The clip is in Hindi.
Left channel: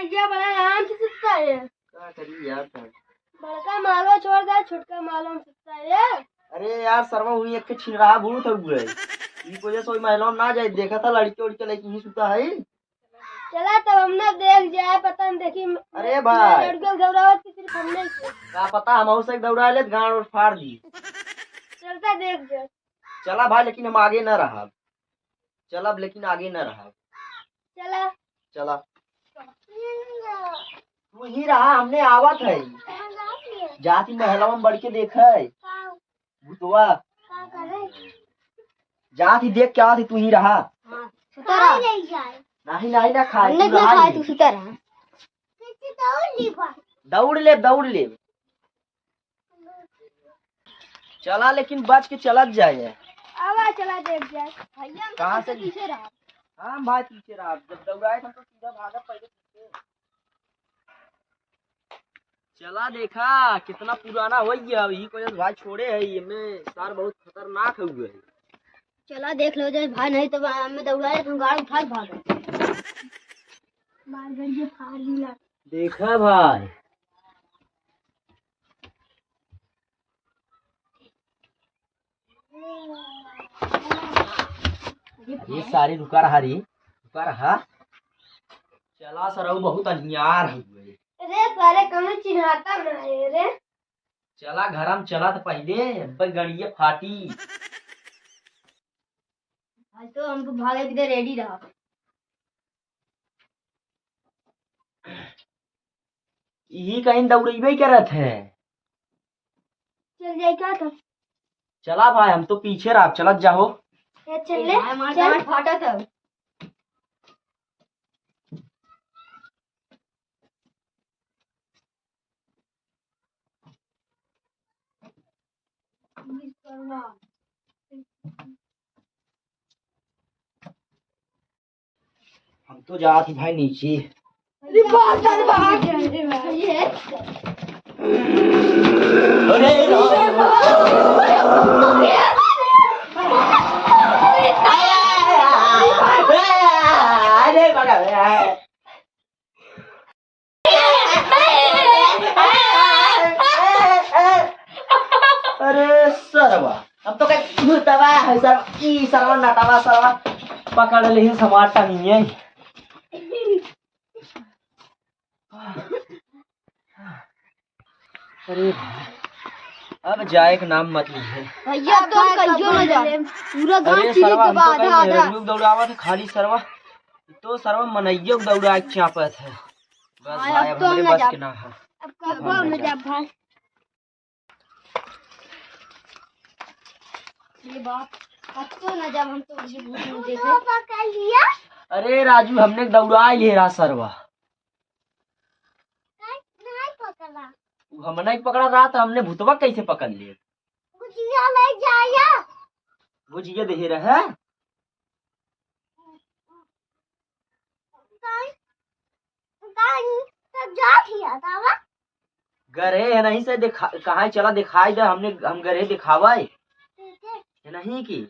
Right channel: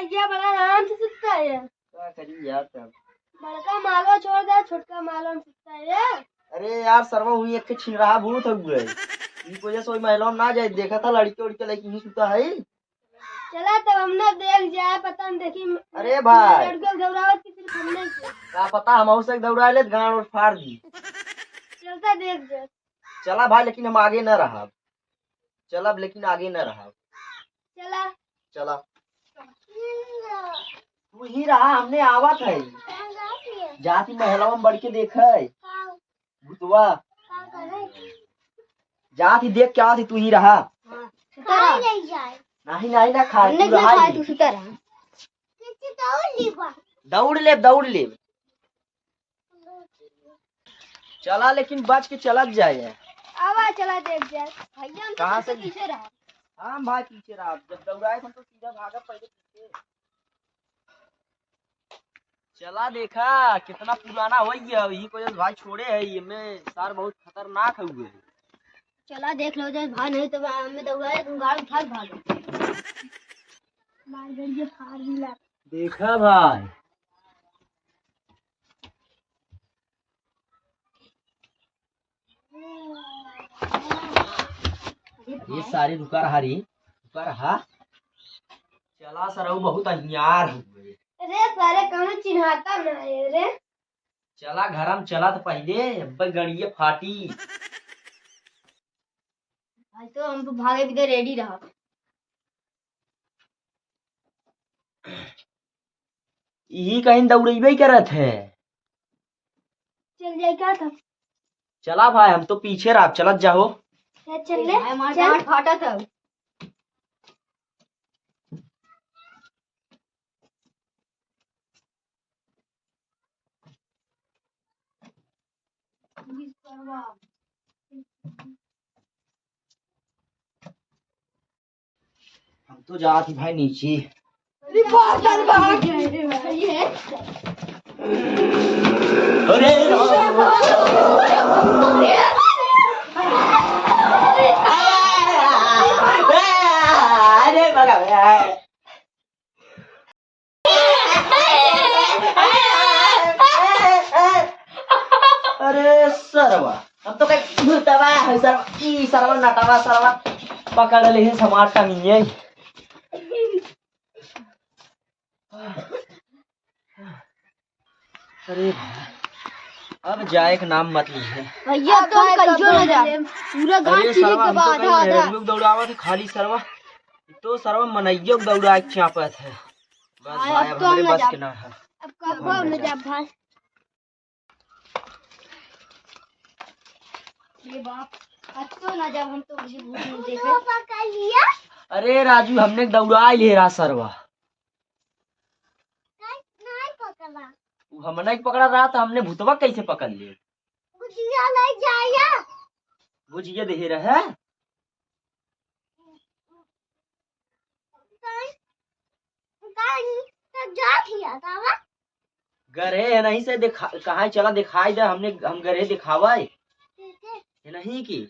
भैया बड़ा आराम से सुतता है। क्या करी यार तब। बड़का मालो छोड़ दे, छोटका मालो में सुतता है। अरे यार सरवा हुई एक छिन रहा भूत हुए इस वजह से महिला ना जाए। देखा था लड़के उड़के लेके ही सुता है। चला तब हम ना देख जाए, पता नहीं देखी। अरे भाई लड़के घबराहट की सिर्फ हमने क्या पता हम से दौड़ा ले गाड़ और फाड़ दी। चलता देख जा। चला भाई लेकिन हम आगे न रहा। चलब लेकिन आगे न रहा। चला चला तू ही रहा हमने आवत है। जाती महिला में बढ़ के देख भूतवा जाती देख क्या थी। तू ही रहा नहीं नहीं ना खाए दौड़ ले दौड़ ले। चला लेकिन बच के चला जाए। आवा चला देख जाए। भैया कहाँ से पीछे रहा। हाँ भाई पीछे रहा। जब दौड़ाए हम तो सीधा भागा पहले पीछे। चला देखा कितना पुराना हो गया यही को भाई छोड़े है। ये में सार बहुत खतरनाक हुए है। चला देख लो जाए भाई, नहीं तो हमें दौड़ाए तुम गाड़ी उठा भागो। मार गई फाड़ मिला। देखा भाई ये सारी रुका रहा रे रुका रहा। चला सर बहुत अन्यार हुए। अरे सारे कौन चिन्हाता ना है रे। चला घर में चला तो पहले गड़िए फाटी। आज तो हमको भागे भी रेडी रहा। यही कहीं दौड़ेबे करत है। चल जाए क्या था। चला भाई हम तो पीछे रहा चलत जाओ। चल ले चल फाटा था। हम तो जाती भाई नीचे। भाग गए भाई है। अरे सरवा अब तो कहीं भूतवा है। सरवा ई सरवा नटावा सरवा पकड़ ले समार टंगिए। अरे अब जाए का नाम मत लीजिए भैया तो कहियो ना जा पूरा गांव अरे की सरवा हम तो आधा आधा कहीं दौड़ावा था खाली सरवा तो सरवा मनइयो दौड़ा के चापत है। बस भाई अब हमरे बस के ना है। अब कब न जा भाई। ये बाप अब तो ना जब हम तो मुझे भूख नहीं देखे पकड़ लिया। अरे राजू हमने दौड़ा ले रहा सरवा नहीं पकड़ा। हम नहीं पकड़ा रहा था। हमने भूतवा कैसे पकड़ लिए। भुजिया ले जाया भुजिया दे रहा है। गरे नहीं से दिखा कहाँ चला दिखाई दे। हम गरे दिखावा नहीं की